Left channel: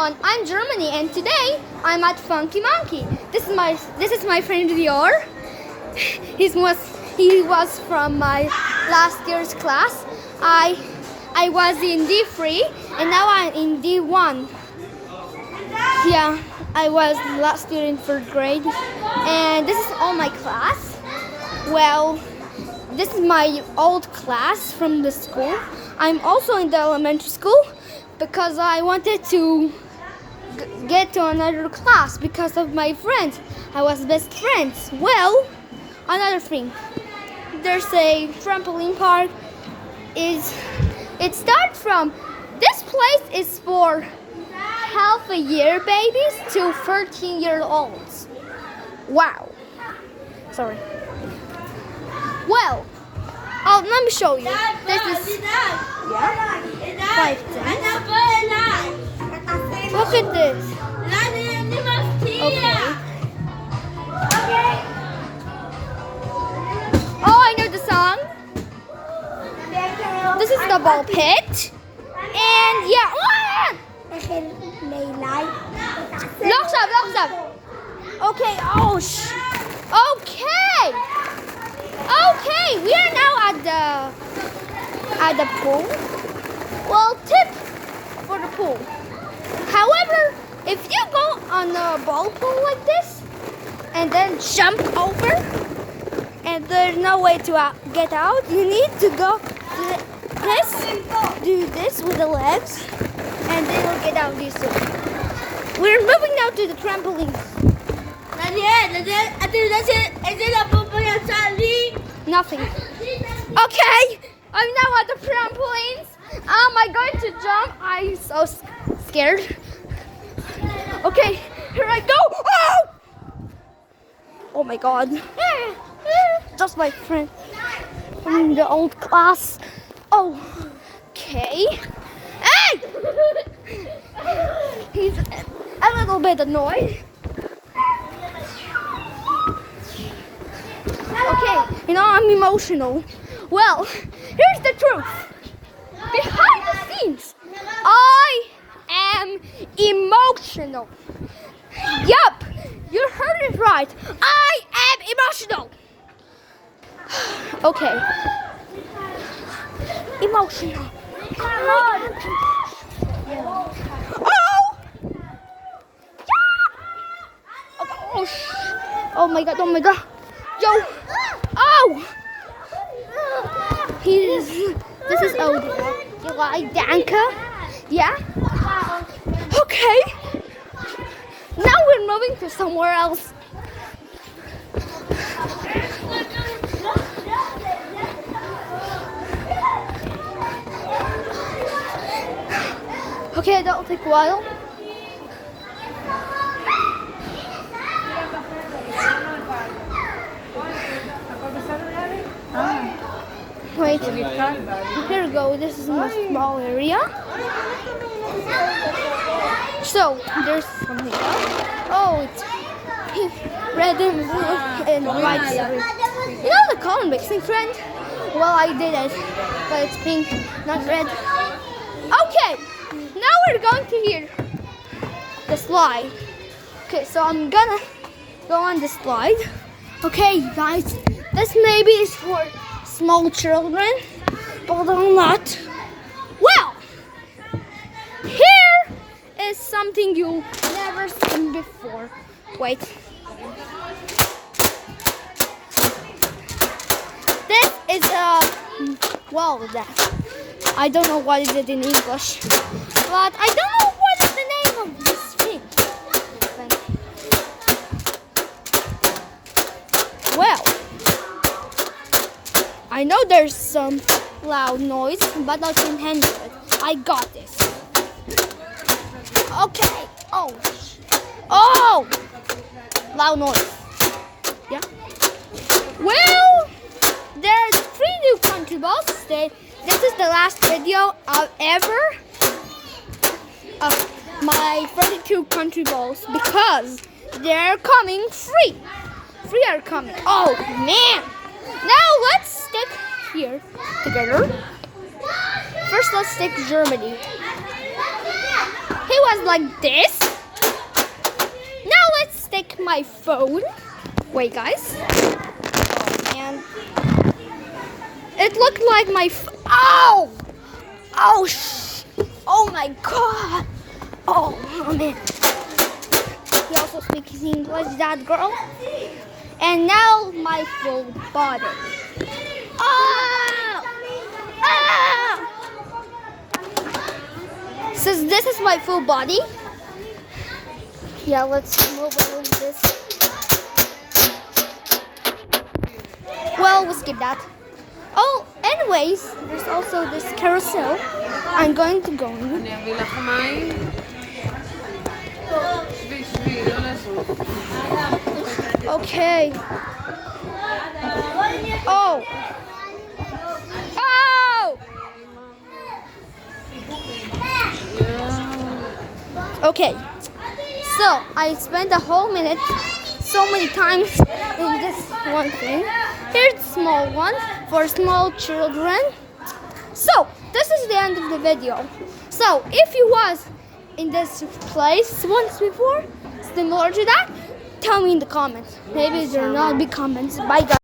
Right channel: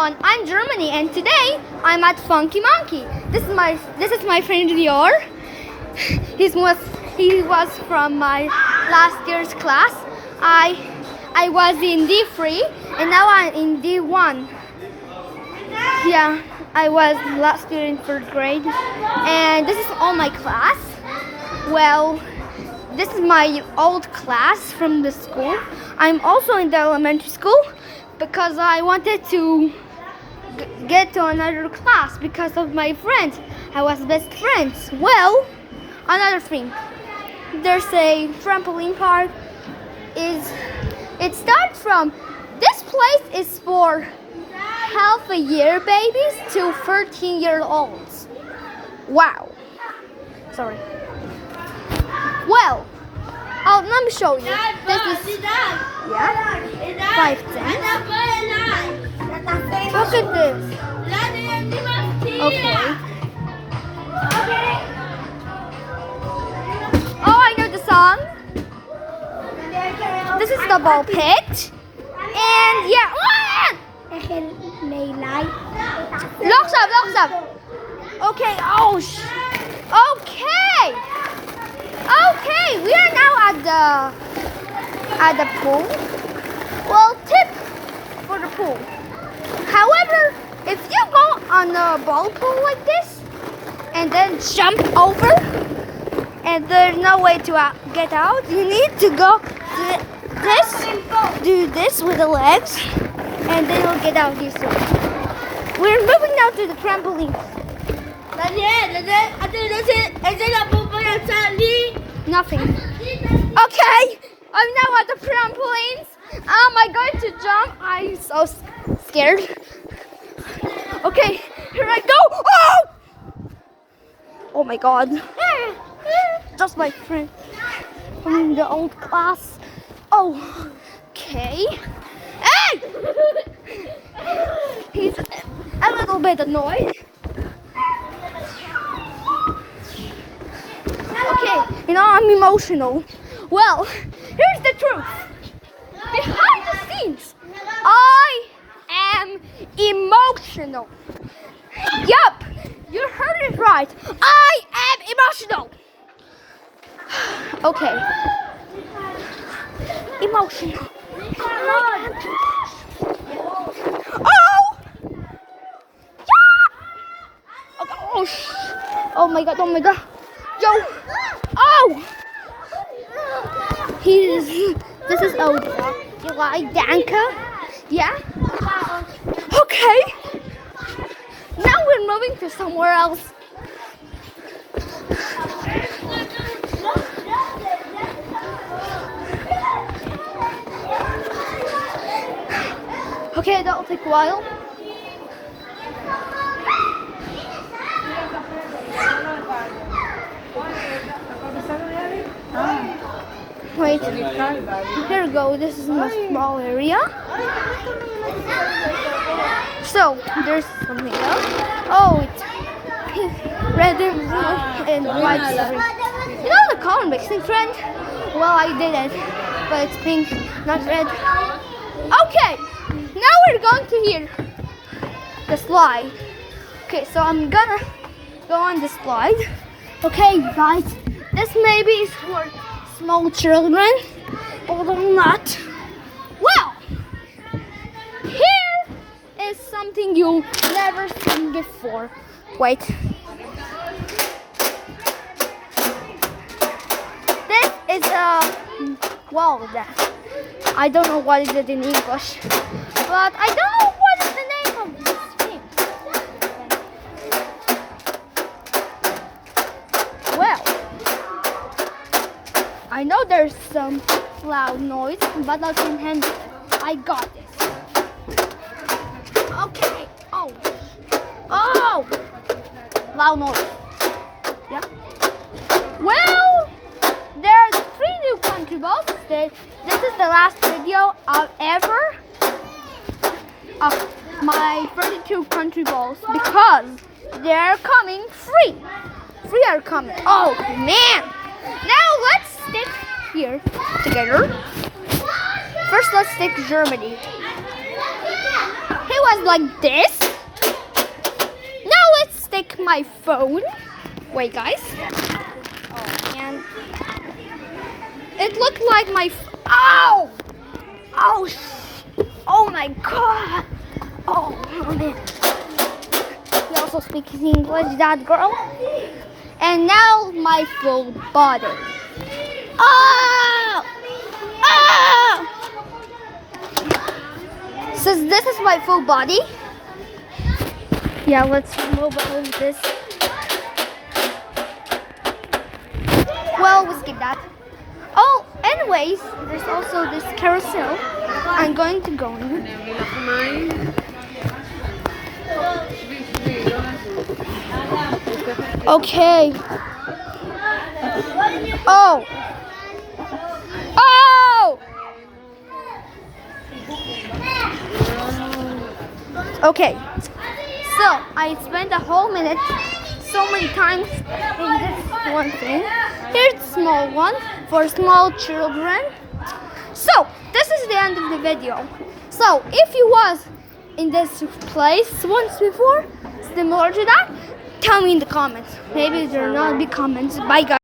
everyone, I'm Germany and today I'm at Funky Monkey. This is my friend Dior. He was from my last year's class. I was in D3 and now I'm in D1. Yeah, I was last year in 3rd grade and this is all my class. Well, this is my old class from the school. I'm also in the elementary school because I wanted to get to another class because of my friend. I was best friends. Well, another thing. There's a trampoline park. It starts from, this place is for half a year babies to 13-year-olds. Wow. Sorry. Well, let me show you. This is 5 cents. Look at this. Okay. Oh, I know the song. This is the ball pit. And yeah. Locks up. Okay. Okay, we are now at the pool. Well, tip for the pool. However, if you go on a ball pool like this and then jump over and there's no way to get out, you need to go do this with the legs and then you'll get out this way. We're moving now to the trampoline. Nothing. Okay, I'm now at the trampolines. Am I going to jump? I'm so scared. Okay, here I go. Oh my God. Just my friend from the old class. Okay. Hey! He's a little bit annoyed. Okay, I'm emotional. Well, here's the truth. Behind the scenes, I am emotional. Yup, you heard it right. I am emotional. Okay. Emotional. Oh my God. Yo. This is Odra. You like Danka? Yeah? Okay. Now we're moving to somewhere else. Okay, that'll take a while. Wait, here we go. This is in a small area. So, there's something else. Oh, it's pink, red, and white. You know the color mixing trend? Well, I did it, but it's pink, not red. Okay, now we're going to hear the slide. Okay, so I'm gonna go on the slide. Okay, guys, this maybe is for small children, but I'm not. Well, here is something you've never seen before. Wait. This is I don't know what is it in English, but I don't know what is the name of this thing. Well, I know there's some loud noise, but I can handle it. I got this. Okay. Oh! Loud noise. Yeah. Well, there's 3 new country balls. This is the last video I'll ever of my 32 country balls because they're coming free. Free are coming. Oh man! Now let's stick here together. First, let's stick Germany. Hey, it was like this. Now let's take my phone. Wait, guys. Oh, man. It looked like my. Ow! Oh, oh my God! Oh man. He also speaks English, that girl. And now my full body. Oh! Oh! So this is my full body. Yeah, let's move on this. Well, we'll skip that. Oh, anyways, there's also this carousel. I'm going to go in. Okay. Oh. Oh. Okay. So I spent a whole minute so many times in this one thing. Here's the small one for small children. So this is the end of the video. So if you was in this place once before, similar to that, tell me in the comments. Maybe there are not big comments. Bye guys.